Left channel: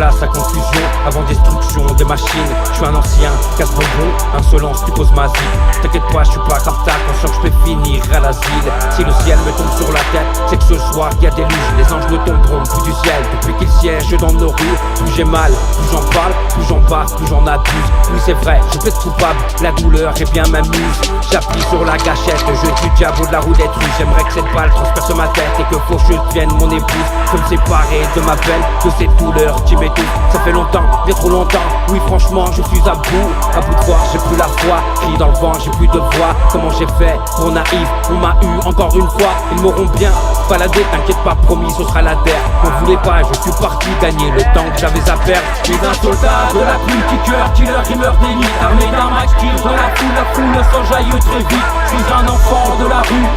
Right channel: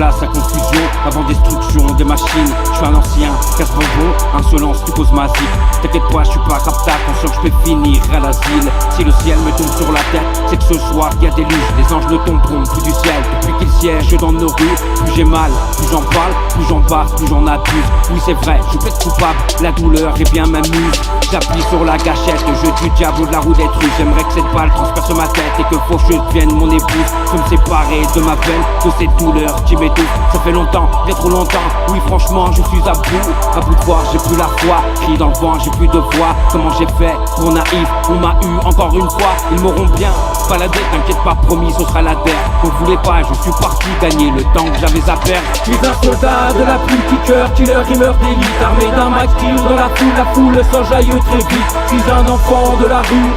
place à confusion, avant destruction des machines. Je suis un ancien casse-bonbon, insolence tu causes ma zig. T'inquiète pas, je suis pas rapta, conscient que je peux finir à l'asile. Si le ciel me tombe sur la tête, c'est que ce soir y a des luges. Les anges ne tomberont plus du ciel depuis qu'ils siègent dans nos rues. Plus j'ai mal, plus j'en parle, plus j'en bave, plus j'en abuse. Oui c'est vrai, je peux être coupable, la douleur est bien m'amuse. J'appuie sur la gâchette, jeu du diable de la roulette russe. J'aimerais que cette balle transperce ma tête et que faucheuse devienne mon épouse. Je me séparer de ma peine, de cette douleur qui m'étouffe. Ça fait longtemps, bien trop longtemps, oui franchement je suis à bout de voir, j'ai plus la foi. Crie dans le vent, j'ai plus de voix. Comment j'ai fait pour naïf, on m'a eu encore une fois. Ils m'auront bien baladé, t'inquiète pas, promis ce sera la terre. On voulait pas, je suis parti gagner le temps que j'avais à perdre. Je suis un soldat de la plume qui cœur, killer, rimeur d'élite. Armé d'un max tir dans la foule s'enjaille très vite. Je suis un enfant de la rue,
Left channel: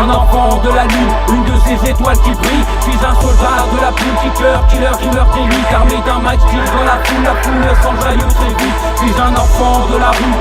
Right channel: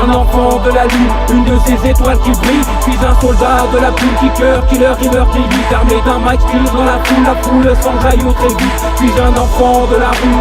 un enfant de la lune, une de ces étoiles qui brille. Je suis un soldat de la plume qui cœur, killer, rimeur d'élite. Armé d'un max tir dans la foule s'enjaille très vite. Je suis un enfant de la rue,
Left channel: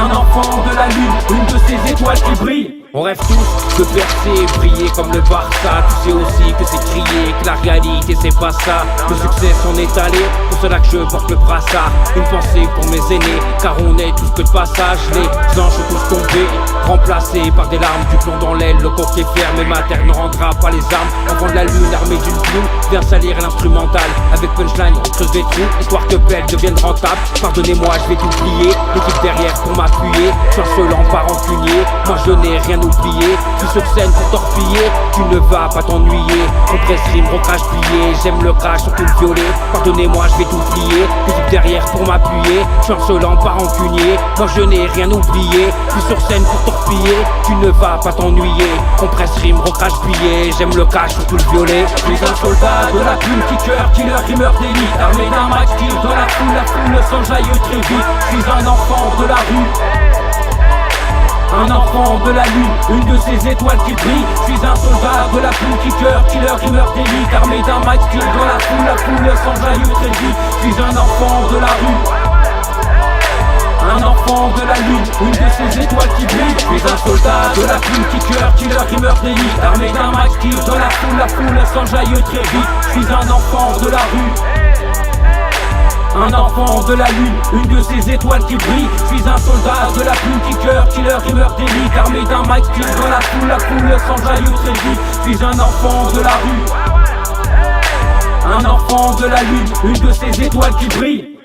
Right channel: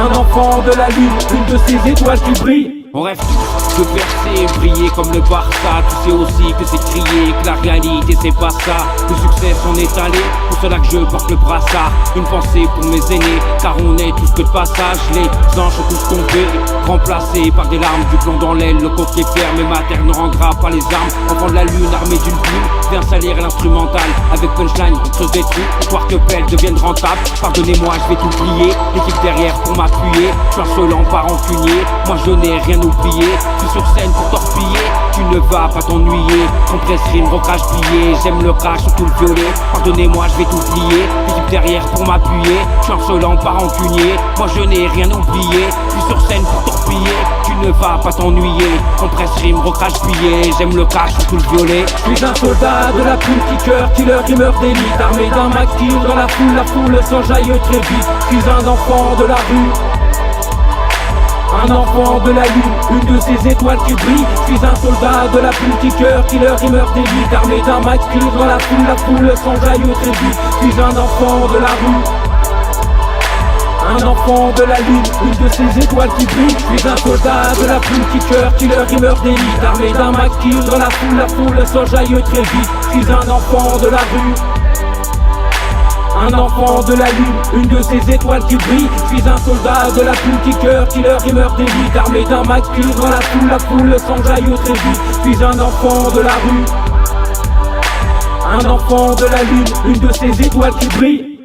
un enfant de la lune, une de ces étoiles qui brille. On rêve tous de percer, briller comme le Barça. Tu sais aussi que c'est crier, que la réalité c'est pas ça. Le succès s'en est allé, pour cela que je porte le brassard. Une pensée pour mes aînés, car on est tous que de passage. Les anges sont tous tombés, remplacés par des larmes. Du plomb dans l'aile, le coq est ferme et ma terre ne rendra pas les armes. Enfant de la lune, armé d'une plume, viens salir l'instrumental. Avec punchline, on creuse des trous, histoire que Pelle devienne rentable. Pardonnez-moi, je vais tout plier, l'équipe derrière pour m'appuyer. Je suis insolent, pas rancunier, moi je n'ai rien oublié. Je suis sur scène pour torpiller, tu ne vas pas t'ennuyer. Compresse rime, recrache billet, j'aime le crash, surtout le violet. Pardonnez-moi, je vais tout plier, l'équipe derrière pour m'appuyer. Je suis insolent, pas rancunier, moi je n'ai rien oublié. Je suis sur scène pour torpiller, tu ne vas pas t'ennuyer. Compresse rime, recrache billet, j'aime le cash, surtout le violet. Je suis un soldat de la plume qui cœur, killer, rimeur d'élite. Armé d'un max tir dans la foule s'enjaille très vite. Je suis un enfant de la rue, un enfant de la lune, une de ces étoiles qui brille. Je suis un soldat de la plume qui cœur, killer, rimeur d'élite. Armé d'un max tir dans la foule s'enjaille très vite. Je suis un enfant de la rue, un enfant de la lune, une de ces étoiles qui brille. Je suis un soldat de la plume qui cœur, killer, rimeur d'élite. Armé d'un max tir dans la foule s'enjaille très vite. Je suis un enfant de la rue, un enfant de la lune, une de ces étoiles qui brille. Je suis un soldat de la plume qui cœur, killer, rimeur d'élite. Armé d'un max tir dans la foule s'enjaille très vite. Je suis un enfant de la rue, un enfant de la lune, une de ces étoiles qui brille.